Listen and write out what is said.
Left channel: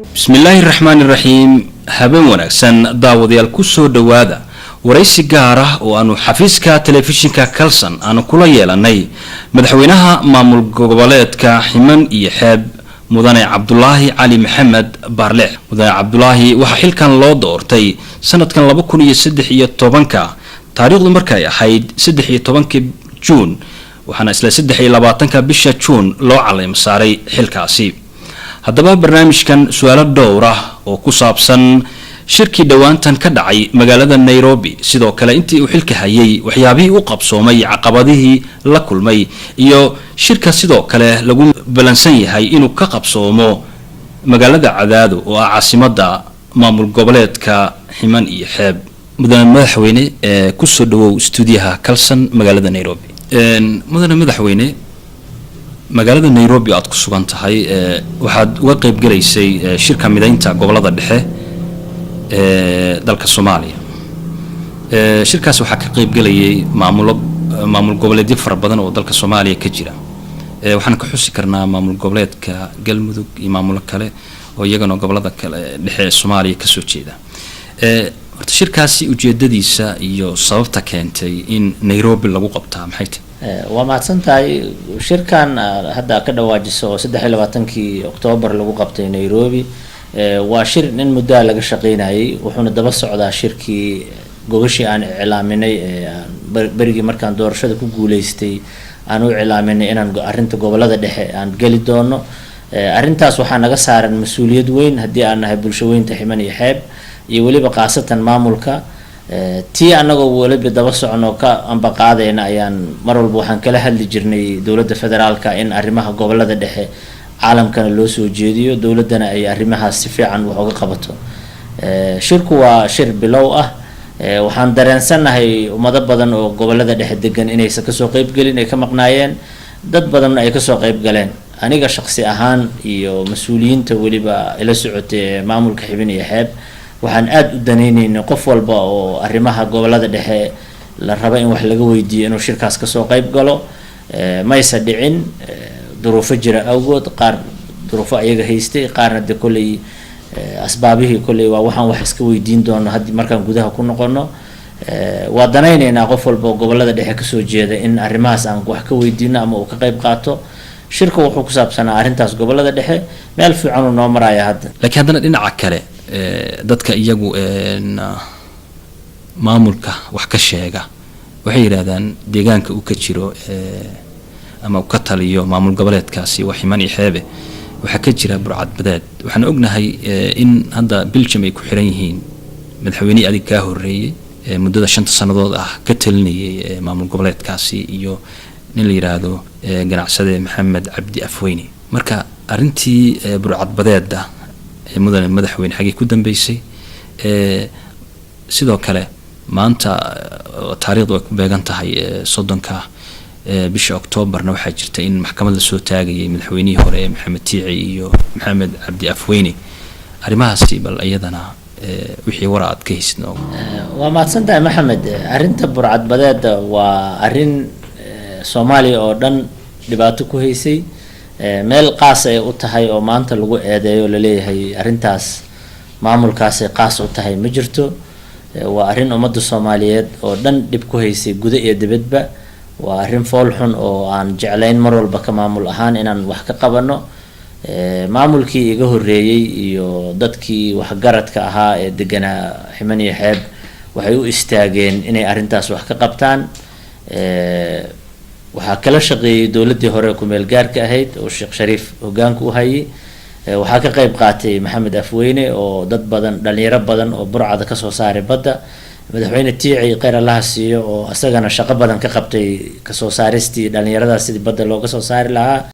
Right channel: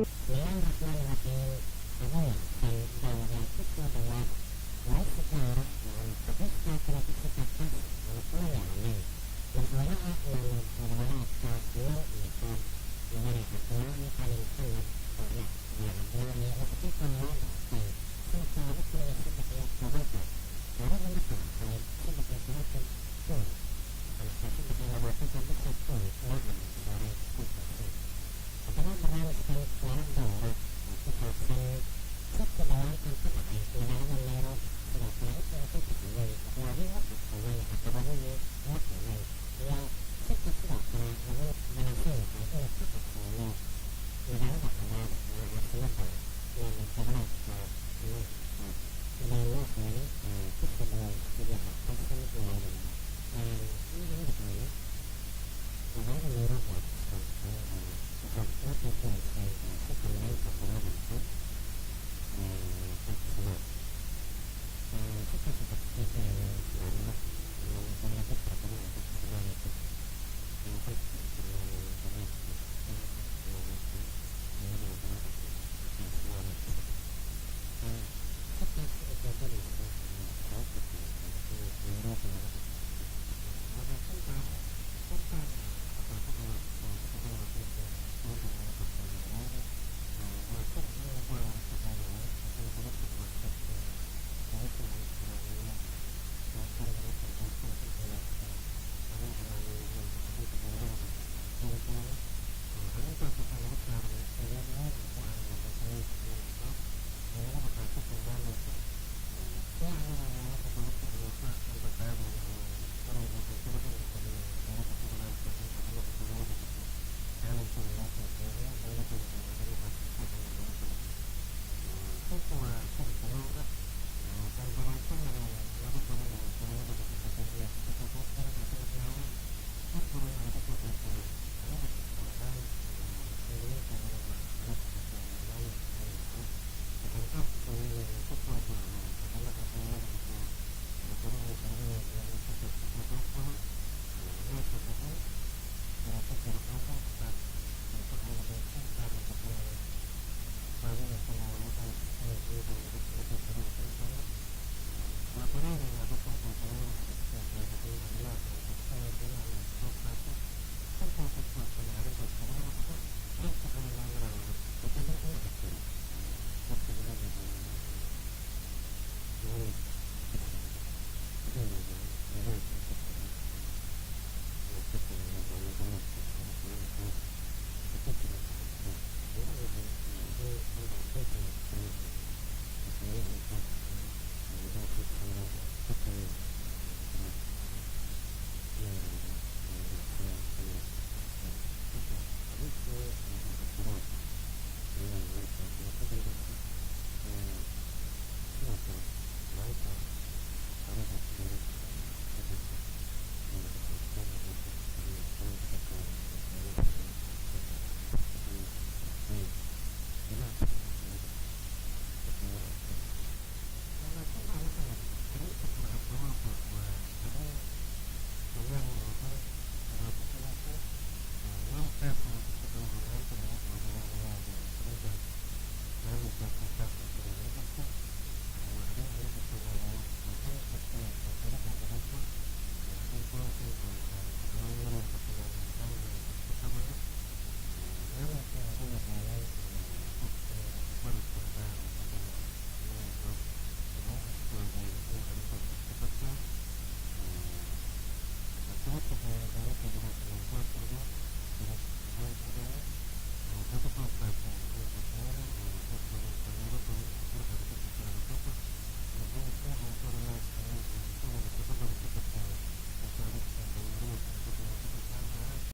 بسم الله الرحمن الرحيم هبن ونكسن داوديال كسو دوادا waraysi gaar ah oo aanu xafiiska telefishinka Kalsan aanu kula yeelanay madaxweynaha maamul goboleedka Ximan iyo Xeeb mudane Cabdullaahi Cali Maxamed Baarleex mudane Cabdullaahi waxa xilkan loo doortay sanadkan 2013 taariikhdu markay ahayd 13 June waxaana isla 23 bisha June loo caleem saaray xilkaasi haddaba barnaamijkan su'aalo dhowr ah oo ku saabsan shirkii dhawaantan ka dhacay magaalada Nairobi sidoo kale intii uu xilka hayay waxyaabihii uu qabsoomay caqabadihii la kulmay iyo shirka sidoo kale lagu balansan yahay inuu ka qabsoomo magaalada Cadaado oo ah caasimadda maamul goboleedka Ximan iyo Xeeb mudane madaxweyne ku soo dhawow stuudiyaha Kalsan magaalada Nairobi mudane madaxweyne magaalada Nairobi aad ku sugan tahay waxaad uga qayb galaysay shirka mideynta gobolada dhexe dalka Soomaaliya shirkaas waxa ka qayb galayay maamul goboleedyo fara badan oo dalka Soomaaliya ka jira waxaan ka xusi karnaa maamul goboleedka Galmudug iyo maamul kale oo iyagana gobolada kale dhexe Soomaaliya ka soo jeeda horta shirkaasi ujeedadiisa iyo sababta keentay in Nairobi lagu qabtaa maxay tahay waa maadsantahay shirkan hadda ka dhawaajiso 23 Oktoobar lagu qabtay Nairobi waa shir in muddo laga shaqeynayay wuxuuna daba socdaa shirkii gobashii aan iclaaminay barigii markaan doorashada ku guuleystay aan u iclaaminay inaan arinta gobolada dhexe aan gali doono arintaas waxa naga saaran mas'uuliyad weyn hadii aan nahay bulshadeynta Ximan iyo Xeeb iyo waliba qaasatan maamulka tii anagoo waliba daba socono ka amba qaadayna ayaan mar walba waxaan kala hadli jirnay dawladda federaalka in arrimaha gobolada dhexe caalamkana loo soo jeediyo dawladana ay arrimahaas si fiican wax uga qabato shirku waa shir bilow ah waxaan dareensanahay ummado badan oo gobolada dhexe degan inaysan ka soo qayb galin ay ka maqnaayeen dad badan ay ka soo qayb galeen aniga shakhsi ahaan iyo mas'uuliyiinta waliba ila socotay maamulka Ximan iyo Xeeb waxaan aad u daneynaynaa qof walba oo arrimaha gobolada dhexe la raba in wax laga weydiiyo inuu shirkaas ka soo qayb galo ma aysa dhicin duruufo jira awgood qaar duruufo ayaga haystay qaarna de kulay asbaabihii kulay waa waxaan wax iska weydiin doono hadii markaan gudaha ku noqono waa danaynaynaa qof walba gobolada dhexe ka soo jeeda in arrimahaas aan wax ka weydiino ama uu ka qayb qaato shirka wuxuu ku saabsanaa arrintaas gobolada dhexe meel fiican oo noo maraya hadda laakiin haddana dhinaca kale dadka iyagu maamulka wax ka sheega waxay yiraahdaan deegaanka uu ka jiro ama ka taliyo maamul goboleedkaasi waa Ximan iyo Xeeb waxa ka jira burcad badeed waxaan ognahay in hadda Belgium ay ku xiran yihiin madaxweyne adig ka horeeyay muddada 5 sanadood ah ka talinayay maamul goboleedkaasi iyo nin la yiraahdo ganacsade Maxamed Cabdi Afweyne marka arintii burcad badeeda mudane madaxweyne xagee ku dambeysay sidoo kale maanta taariikhdu ay ku beegan tahay 30 bisha Oktoobarna waxaa jirtay in maxkamadda soo taagayay madaxweynihii hore Maxamed Tiici iyo Maxamed Cabdi Afweyne arrimahaasi bal ayadana wixii waraad ka haysno waa maadsantahay Maxamed arinta burcad badeeda waa arin Soomaaliya oo dhan dhibaato ku haysay meel qaas ay u tahay oo maanta lagu eedeeyo la leeyahay arintaas maamulkaas ay qaas u tahay ma jirto waa arin ummadda Soomaaliyeed oo dhan dib ku haysay guda iyo dibadba waa arin fool xun oo aan jeclayn mar walba ka maamul ahaan inaan wax ka qabano maamulkii iga horeeyay iyo dadkii wax garadka ahaa ee deganaa Ximan iyo Xeeb waxay u istaageen inay arintaas wax ka qabtaan waxa kala shaqeeyay dawladii hore ku meel gaarka ahayd oo Sheekh Shariif hogaanku u hayay waxa ka qayb qaatay Maxamed Afweyne oo dad badan dhalinyaro badan oo burcada ka soo saaray badda madaxweyne Tiici qeyr Allah siiyo oo asagana shaqo badan ka qabtay ka soo saaristii dhalinyarada sidii badda looga soo saari lahaa